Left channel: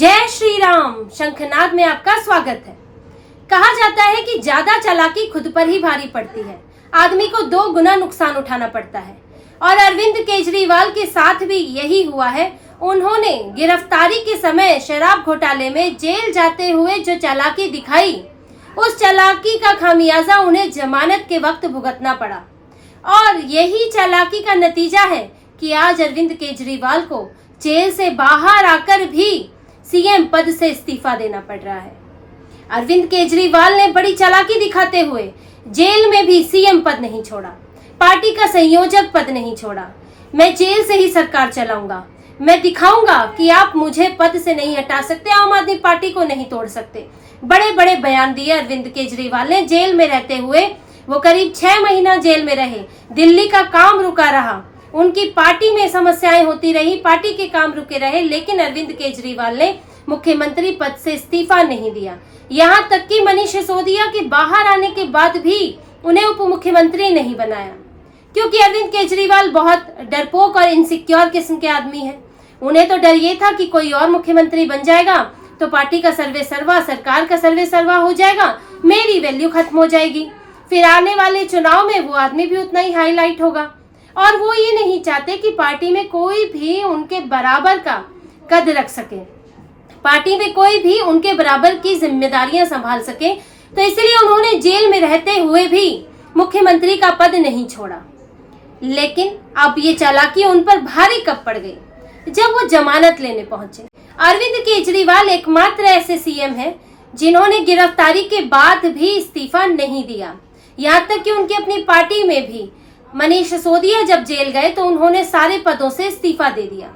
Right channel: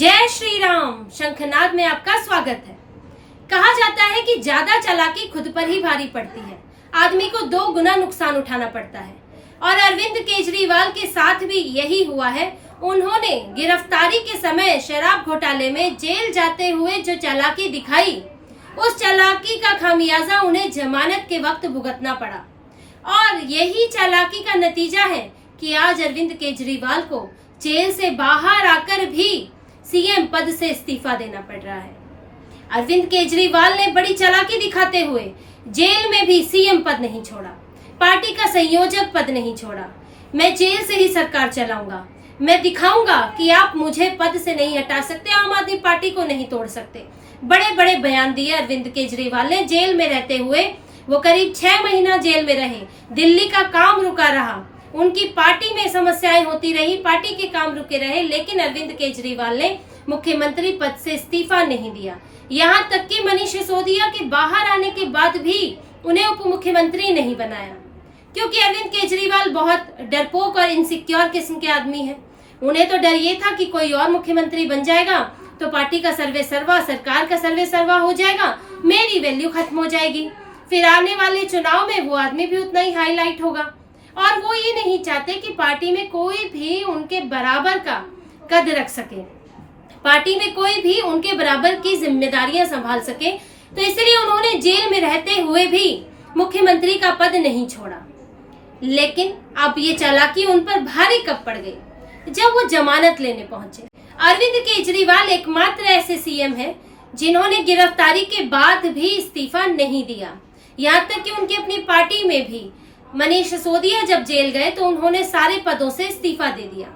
जय श्री राम। शंखनाद में आपका स्वागत है। कहा जाता है कि ज्यादा चालाकी खुद पर ही भारी पड़ती है, आदमी को 2 गुना नुकसान उठाना पड़ता है। और अरविंद केजरीवाल के साथ भी यही हुआ है। उन्होंने गिरफ्तारी के समय शराब घोटाले में जेल जाते हुए जो चालाकी दिखाई, उस चालाकी का खामियाजा उन्हें जमानत के वक्त भुगतना पड़ा। और यही चालाकी का नतीजा है कि आज अरविंद केजरीवाल को जेल से बाहर आकर भी सीएम पद से इस्तीफा देना पड़ रहा है। अरविंद केजरीवाल ने बड़ी चालाकी दिखाते हुए जेल में भी सीएम पद नहीं छोड़ा, पार्टी का संयोजक पद नहीं छोड़ा। मैं जेल से ही सरकार चलाऊंगा, मैं दिखाऊंगा कि आप मुझे पद से नहीं हटा सकते, आम आदमी पार्टी को नहीं तोड़ सकते। बड़े बड़े बयान दिए अरविंद केजरीवाल ने जेल में रहते हुए। वो करीब 6 महीना जेल में रहे, दिल्ली का काम रुका रहा, उनकी पार्टी में समस्याएं होती रही, पार्टी के काम रुके रहे, लेकिन अरविंद केजरीवाल ने मुख्यमंत्री पद से इस्तीफा नहीं दिया। यहाँ तक कि मनीष सिसोदिया के बाहर आने के बाद भी उन्हें उप मुख्यमंत्री नहीं बनाया, क्योंकि अरविंद केजरीवाल बहुत डरपोक और इनसिक्योर किस्म के आदमी हैं। उन्हें तो डर ये था कि कोई और मुख्यमंत्री बन जाएगा तो पार्टी का सर्वे सर्वा, सरकार का सर्वे सर्वा हो जाएगा, मेरी वैल्यू खत्म हो जाएगी, फिर आने वाले चुनाव में वो आदमी भी उतना ही हाईलाइट होगा। और वो ये नहीं चाहते कि पार्टी में कोई भी उनके बराबर का कद रख सके, पार्टी में कोई भी उनके बराबर की जिम्मेदारियां संभाल सके। तो इसलिए उन्होंने जेल में रहते हुए भी मुख्यमंत्री का पद नहीं छोड़ा। लेकिन अब ये चालाकी उन पर भारी कब पड़ गई, जब वो जमानत लेने पहुंचे। अरविंद केजरीवाल एकमात्र ऐसे सीएम हैं जिन्होंने गिरफ्तारी के बाद भी इस्तीफा नहीं दिया। यहाँ तक कि उनकी अपनी पार्टी में भी मनीष सिसोदिया जब जेल गए तो उन्होंने सारे पदों से इस्तीफा दे दिया,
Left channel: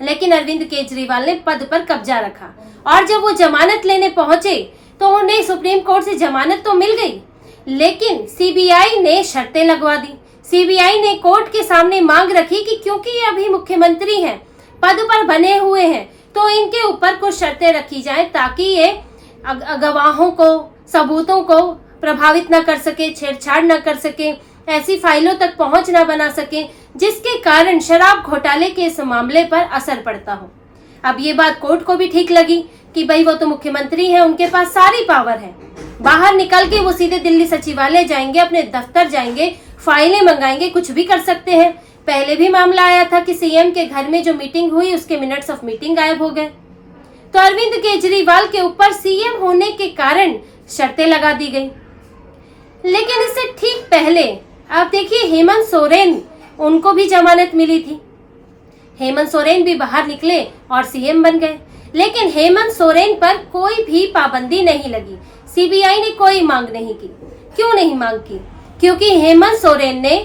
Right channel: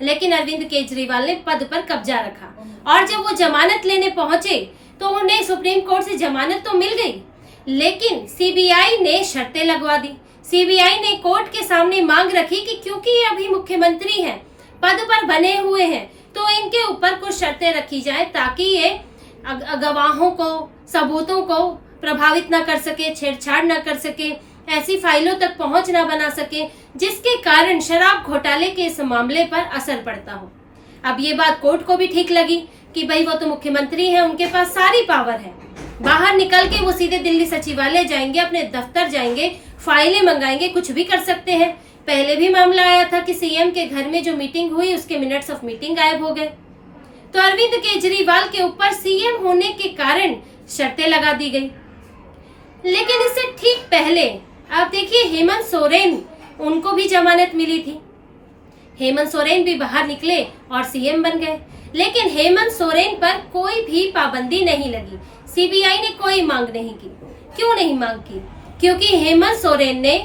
लेकिन अरविंद केजरीवाल ने पद पर कब्जा रखा। और जब वो जमानत लेने पहुंचे तो उन्हें सुप्रीम कोर्ट से जमानत तो मिल गई, लेकिन सीबीआई ने शर्तें लगवा दी। सीबीआई ने कोर्ट के सामने मांग रखी कि क्योंकि ये अभी मुख्यमंत्री हैं, पद पर बने हुए हैं, तो इनके ऊपर कुछ शर्तें रखी जाए ताकि ये गवाहों को, सबूतों को प्रभावित न कर सके, छेड़छाड़ न कर सके, ऐसी फाइलों तक पहुंच न बना सके जिसके कारण शराब घोटाले के इस मामले पर असर पड़ता हो। अब ये बात कोर्ट को भी ठीक लगी कि भाई वो तो मुख्यमंत्री हैं, उनके पास सारी पावर है, बाहर निकल के वो सीधे दिल्ली सचिवालय जाएंगे, अपने दफ्तर जाएंगे, फाइलें मंगाएंगे, कुछ भी कर सकते हैं। पहले भी मामला आया था कि सीएम के घर में जो मीटिंग हुई उसके मिनट्स ऑफ मीटिंग गायब हो गए। तो अरविंद केजरीवाल के ऊपर सीएम होने के कारण शर्तें लगा दी गई। लेकिन इससे ठीक पहले आप देखिए हेमंत सोरेन, उनको भी जमानत मिली थी। हेमंत सोरेन भी बाहर निकले और सीएम बन गए, लेकिन हेमंत सोरेन पर कोई भी पाबंदी नहीं लगी, सीबीआई ने कोई मांग नहीं की। क्यों नहीं मांग की? क्योंकि हेमंत सोरेन ने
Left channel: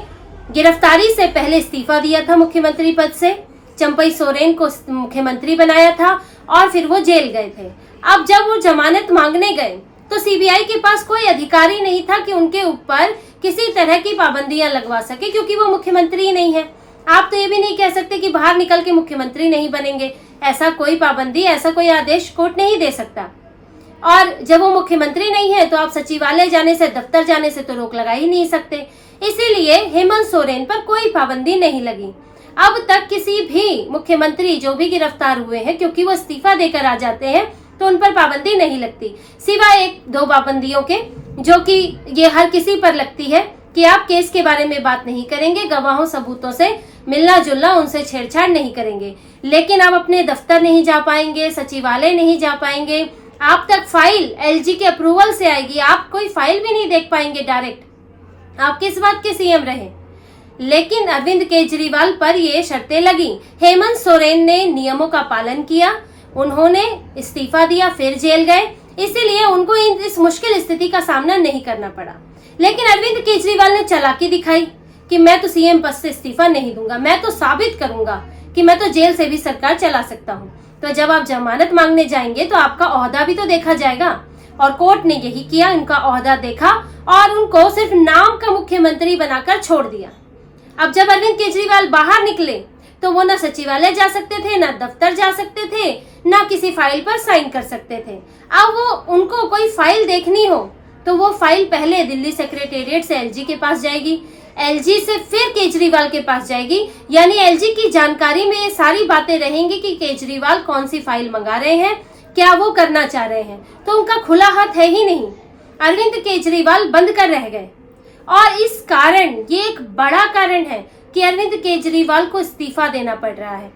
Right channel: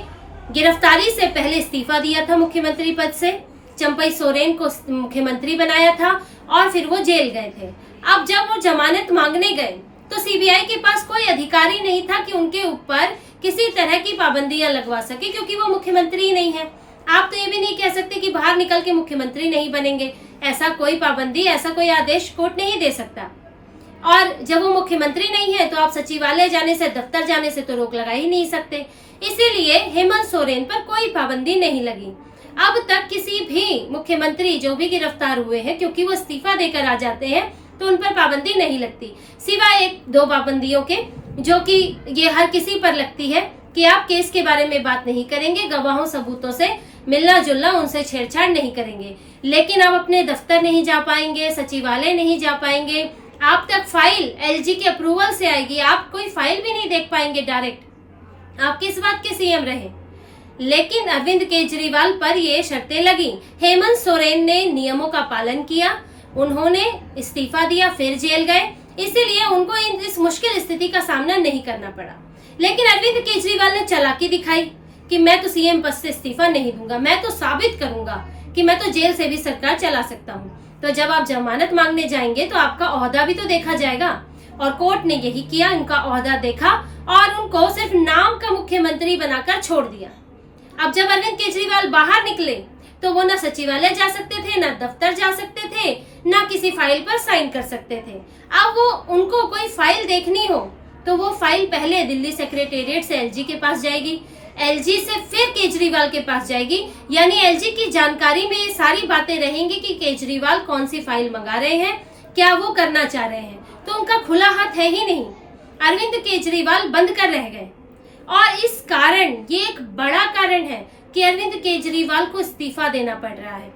गिरफ्तारी से पहले इस्तीफा दिया था मुख्यमंत्री पद से, चंपई सोरेन को मुख्यमंत्री बनाया था और फिर वो जेल गए थे। अब जब वो जमानत मांगने गए तो सीबीआई के पास कोई अधिकारी नहीं था कि उनके ऊपर किसी तरह की पाबंदियां लगवा सके, क्योंकि वो मुख्यमंत्री नहीं है। आप तो ये भी नहीं कह सकते कि बाहर निकल के मुख्यमंत्री नहीं बनेंगे, ऐसा कोई पाबंदी, ऐसा कोई आदेश कोर्ट नहीं दे सकता। और जब वो मुख्यमंत्री नहीं है तो आप सचिवालय जाने से, दफ्तर जाने से तो रोक लगा ही नहीं सकते। इसीलिए हेमंत सोरेन पर कोई पाबंदी नहीं लगी। अब तक किसी भी मुख्यमंत्री जो भी गिरफ्तार हुए हैं, क्योंकि वो इस्तीफा देकर आ जाते हैं तो उन पर पाबंदी नहीं लगती, सिवाय 1-2 पाबंदियों के, जो कि ये हर किसी पर लगती है कि आप केस के बारे में बात नहीं करेंगे, गवाहों सबूतों से मिलना जुलना, उनसे छेड़छाड़ नहीं करेंगे। लेकिन आप अपने दफ्तर नहीं जा पाएंगे, सचिवालय नहीं जा पाएंगे, आप तक फाइल एलजी के अप्रूवल से आएगी, आप कोई फाइल भी नहीं देख पाएंगे डायरेक्ट, आप किस बात के सीएम रहे। लेकिन अरविंद केजरीवाल पर ये शर्तें लगी। हेमंत सोरेन ने नियमों का पालन किया, उन्होंने इस्तीफा दिया, फिर जेल गए, इसीलिए उनको इस मुश्किल स्थिति का सामना नहीं करना पड़ा। लेकिन अरविंद केजरीवाल ने चालाकी दिखाई कि मैं तो सीएम पद से इस्तीफा नहीं दूंगा, मैं तो साबित करूंगा कि मैं तो जेल से भी सरकार चला सकता हूं। तो जब आप जमानत मांगने जाएंगे तो आपका ओहदा भी तो देखा जाएगा, और कोर्ट ने यही किया, उनका ओहदा देखा और उनको सिर्फ नाम का मुख्यमंत्री बनाकर छोड़ दिया। अब जब अरविंद केजरीवाल बाहर निकले तो वो ना सचिवालय जा सकते थे, ना दफ्तर जा सकते थे, ना किसी फाइल पर साइन कर सकते थे। अब वो उनको कोई फाइल देखनी हो तो वो फाइल पहले दिल्ली सेक्रेटेरिएट से एलजी के पास जाएगी, एलजी से फिर केजरीवाल के पास जाएगी, यानी एलजी की जानकारी में ये सारी बातें रहेंगी कि केजरीवाल कौन सी फाइल मंगा रहे हैं, क्या वो करना चाह रहे हैं, तो उनका खुला हाथ है ही नहीं। अरविंद केजरीवाल बंद कर रह गए और इस कारण, ये एक बड़ा कारण है कि अरविंद केजरीवाल को इस्तीफा देना पड़ रहा है।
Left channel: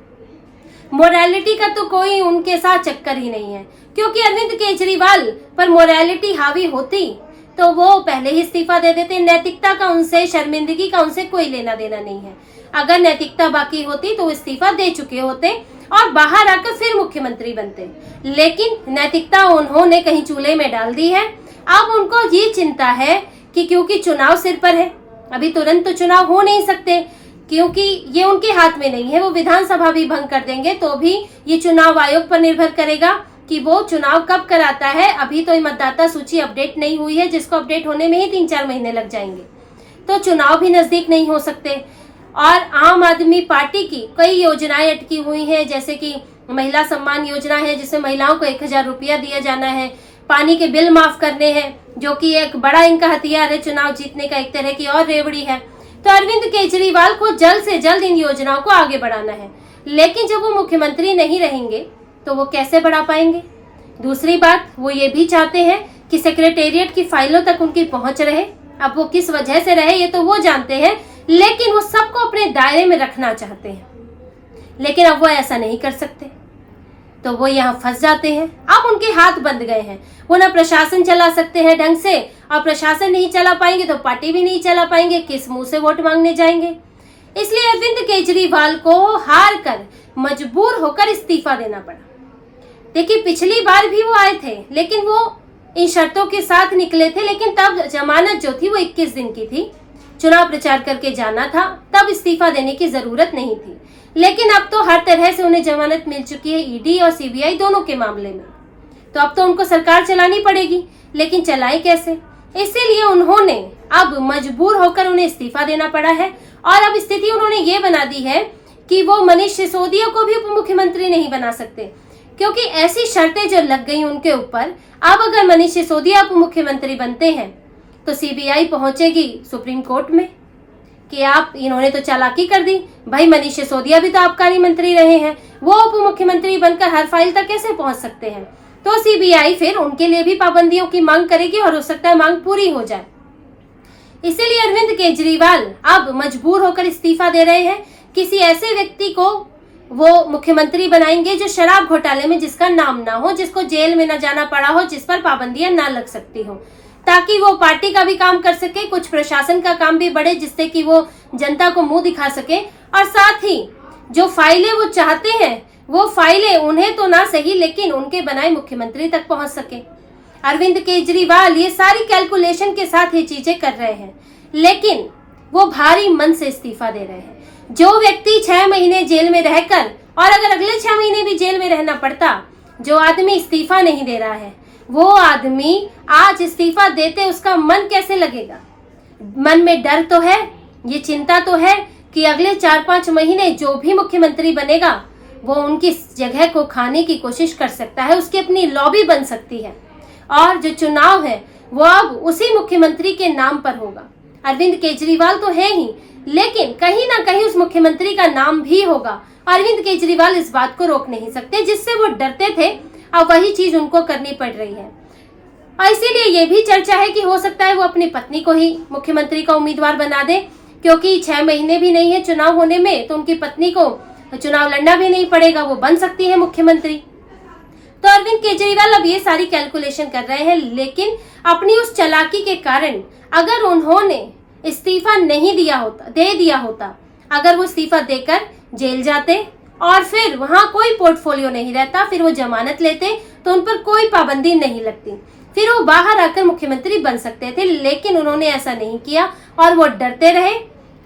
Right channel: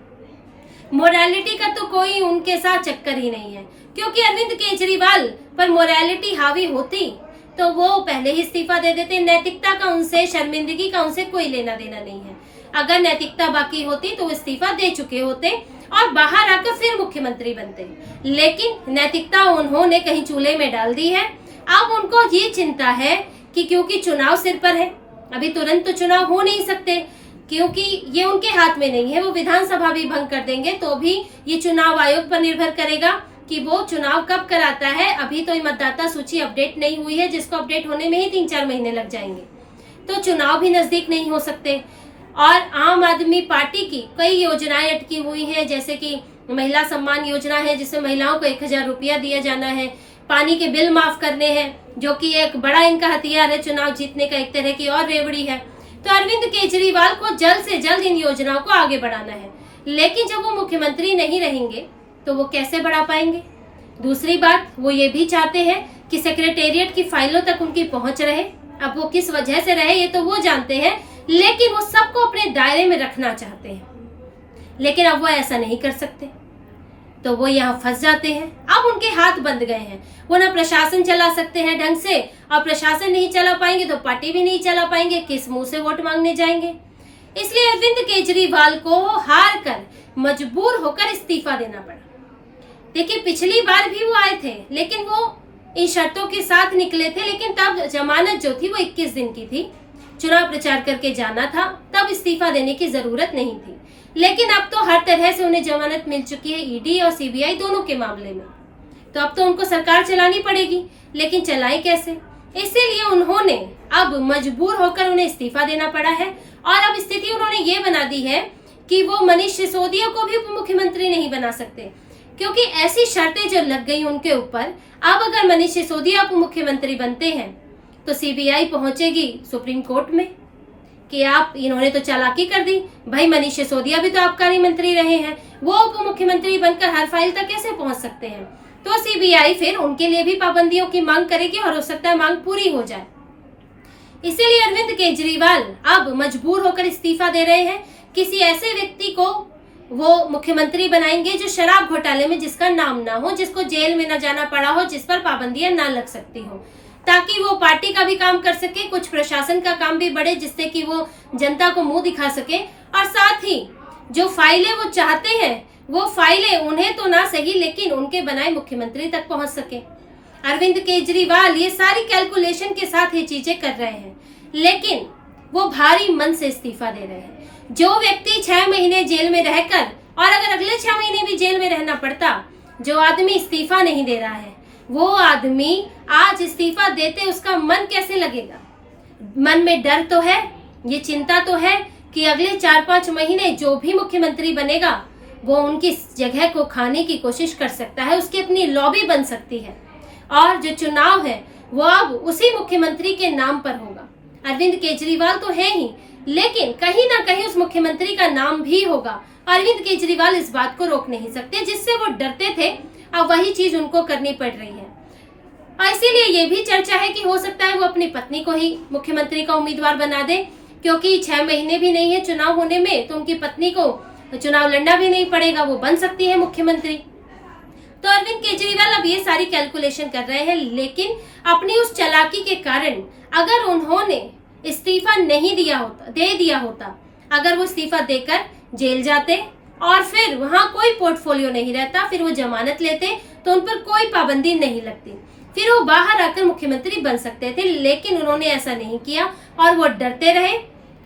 मोरालिटी का तो कोई उनके साथ चक्कर ही नहीं है, क्योंकि अरविंद केजरीवाल पर मोरालिटी हावी होती तो वो पहले ही इस्तीफा दे देते। नैतिकता का उनसे, शर्मिंदगी का उनसे कोई लेना देना नहीं है। अगर नैतिकता बाकी होती तो इस्तीफा दे चुके होते और बाहर आकर फिर मुख्यमंत्री बनते, लेकिन नैतिकता उन्होंने कहीं चूल्हे में डाल दी है। अब उनको ये चिंता है कि क्योंकि चुनाव सिर पर है, अभी तुरंत तो चुनाव हो नहीं सकते, क्योंकि ये उनके हाथ में नहीं है। वो विधानसभा भी भंग कर देंगे तो भी ये चुनाव आयोग पर निर्भर करेगा कि वो चुनाव कब कराता है। अभी तो मतदाता सूची अपडेट नहीं हुई है, जिसको अपडेट होने में ही 3-4 महीने लग जाएंगे, तो चुनाव भी नजदीक नहीं हो सकते। और आम आदमी पार्टी की कई योजनाएं अटकी हुई हैं, जैसे कि महिला सम्मान योजना है, जिसमें महिलाओं को 1000 रुपया दिया जाना है। पानी के बिल माफ करने हैं, जो कि एक बड़ा इनका हथियार है चुनाव जीतने का, एक तरह की और रेवड़ी है। तो अरविंद केजरीवाल को जल्द से जल्द इन योजनाओं को आगे बढ़ाना है, लेकिन जब वो मुख्यमंत्री नहीं रहेंगे तो वो कैसे बढ़ा पाएंगे। दूसरी बात, वो ये भी चाहते हैं कि सेक्रेटेरिएट की फाइलों तक उनकी पहुंच रहे। अब वो किस वजह से रहे ये तो वो जानते हैं, लेकिन वो सबको अपने दायरे में रखना चाहते हैं, लेकिन अब वो ऐसा नहीं कर सकते, तो वो यहाँ फंस जाते हैं। अब उनके हाथ बंद गए हैं, वो ना प्रशासन चला सकते हैं ढंग से, और प्रशासन नहीं चला पाएंगे तो पार्टी भी नहीं चला पाएंगे, किस मुंह से वोट मांगने जाएंगे। इसलिए अरविंद केजरीवाल को हार कर, मजबूर होकर इस्तीफा देना पड़ा। देखिए, पिछली बार भी वो आए थे, लेकिन वो इन शर्तों के साथ निकले थे, लेकिन तब जमानत जो थी वो 21 दिन की थी, चुनाव प्रचार करके जाना था, तब इस्तीफा देने की जरूरत नहीं थी। लेकिन अब तो हर तरह से उन्हें जमानत मिल चुकी है, ईडी और सीबीआई दोनों के मामले में, तो अब तो उनको सरकार चलानी पड़ेगी, लेकिन चलाएं कैसे। इसीलिए उन्होंने अब मजबूर होकर उन्हें इस्तीफा देना पड़ा है। और अब स्थिति उन्होंने ये बना दी है कि वो मनीष सिसोदिया को भी उप मुख्यमंत्री नहीं बना सकते, क्योंकि ऐसी शर्तें जो लग गई उनके ऊपर। अब अगर मनीष सिसोदिया उप मुख्यमंत्री बनते हैं तो सीबीआई पहुंचेगी सुप्रीम कोर्ट में कि आप, इन्होंने तो चालाकी कर दी भाई, मनीष सिसोदिया भी तो आबकारी मंत्री रहे हैं, वो उप मुख्यमंत्री बनकर हर फाइल तक कैसे पहुंच सकते हैं। तो सीबीआई फिर उनके लिए भी पाबंदियों की मांग करेगी और हो सकता है मांग पूरी हो जाए। इसीलिए अरविंद केजरीवाल अब मजबूर होकर इस्तीफा दे रहे हैं। किसी ऐसे व्यक्ति को वो मुख्यमंत्री बनाएंगे जो शराब घोटाले में जिसका नाम ना हो, जिसको जेल में ना जाना पड़ा हो, जिस पर पाबंदियां ना लग सकती हो, ताकि वो पार्टी का भी काम कर सके, कुछ प्रशासन का काम भी बढ़े, जिससे कि वो जनता को मुंह दिखा सके, और साथ ही जो फाइलें वो चाहते हैं वो फाइलें उन्हें तो ना सही, लेकिन उनके बनाए मुख्यमंत्री तक पहुंच सके। अरविंद केजरीवाल ये सारी कैलकुलेशन के साथ ये चीजें कर रहे हैं, लेकिन वो भारी मन से इस्तीफा दे रहे हैं। जो व्यक्ति 6 महीने जेल में रहकर, और अगर अगले 6 महीने भी जेल में रहना पड़ता, जो आदमी इस्तीफा नहीं दे रहा है, वो आदमी आज इस्तीफा देते उसका मन कैसे लगेगा। मन में डर तो है, ये चिंता तो है कि अगले 4-5 महीने जो भी मुख्यमंत्री बनेगा वो उनकी जगह को खाने की कोशिश कर सकता है, उसकी अपनी लॉबी बन सकती है, और जो चुनाव है वो अब उसी मुख्यमंत्री के नाम पर होगा। अरविंद केजरीवाल तो है ही, लेकिन कहीं ना कहीं उस मुख्यमंत्री का नाम भी होगा। अरविंद केजरीवाल इस बात को रोक नहीं सकते, जिससे वो डरते थे, अब वही चीज उनको करनी पड़ रही है। और इसीलिए ये भी चर्चा है कि हो सकता है वो अपनी पत्नी को ही मुख्यमंत्री का उम्मीदवार बना दे, क्योंकि 6 महीने भी नहीं है चुनाव होने में, तो उनकी पत्नी को चुनाव लड़ना भी नहीं पड़ेगा, वो बन सकती है मुख्यमंत्री। तो अरविंद केजरीवाल अब ये सारी कैलकुलेशन कर रहे हैं, लेकिन अपनी उस चालाकी के कारण अगर उन्होंने इस्तीफा नहीं दे दिया होता, अगर वो इस्तीफा देकर जेल जाते और फिर वहां कोई पोर्टफोलियो नहीं रहता, फिर वो जमानत लेते तो उन पर कोई पाबंदी नहीं लगती, फिर वो बाहर आकर मुख्यमंत्री बन सकते थे। लेकिन उन्होंने ऐसा नहीं किया और वो डरते रहे,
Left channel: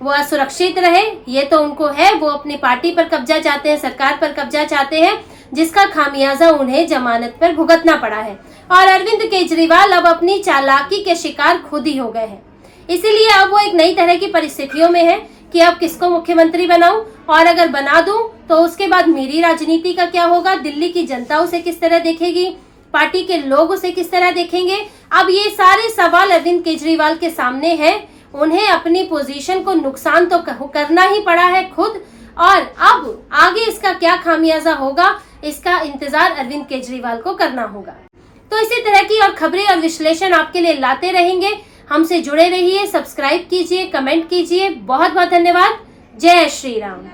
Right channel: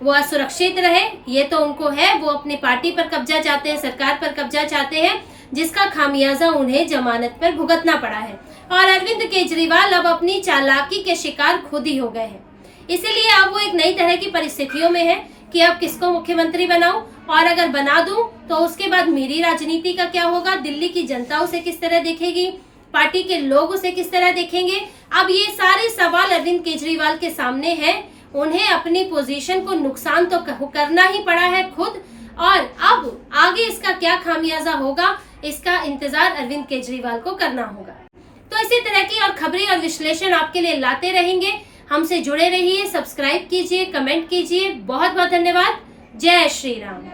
वो असुरक्षित रहे। ये तो उनको है, वो अपनी पार्टी पर कब्जा चाहते हैं, सरकार पर कब्जा चाहते हैं, जिसका खामियाजा उन्हें जमानत पर भुगतना पड़ा है। और अरविंद केजरीवाल अब अपनी चालाकी के शिकार खुद ही हो गए हैं। इसीलिए अब वो एक नई तरह की परिस्थितियों में है कि अब किसको मुख्यमंत्री बनाऊं, और अगर बना दूं तो उसके बाद मेरी राजनीति का क्या होगा, दिल्ली की जनता उसे किस तरह देखेगी, पार्टी के लोग उसे किस तरह देखेंगे। अब ये सारे सवाल अरविंद केजरीवाल के सामने हैं। उन्हें अपनी पोजीशन को नुकसान तो करना ही पड़ा है खुद, और अब आगे इसका क्या खामियाजा होगा इसका इंतजार अरविंद केजरीवाल को करना होगा। तो इसी तरह की और खबरें और विश्लेषण आपके लिए लाते रहेंगे। हमसे जुड़े रहिए, सब्सक्राइब कीजिए, कमेंट कीजिए। बहुत बहुत धन्यवाद। जय श्री राम।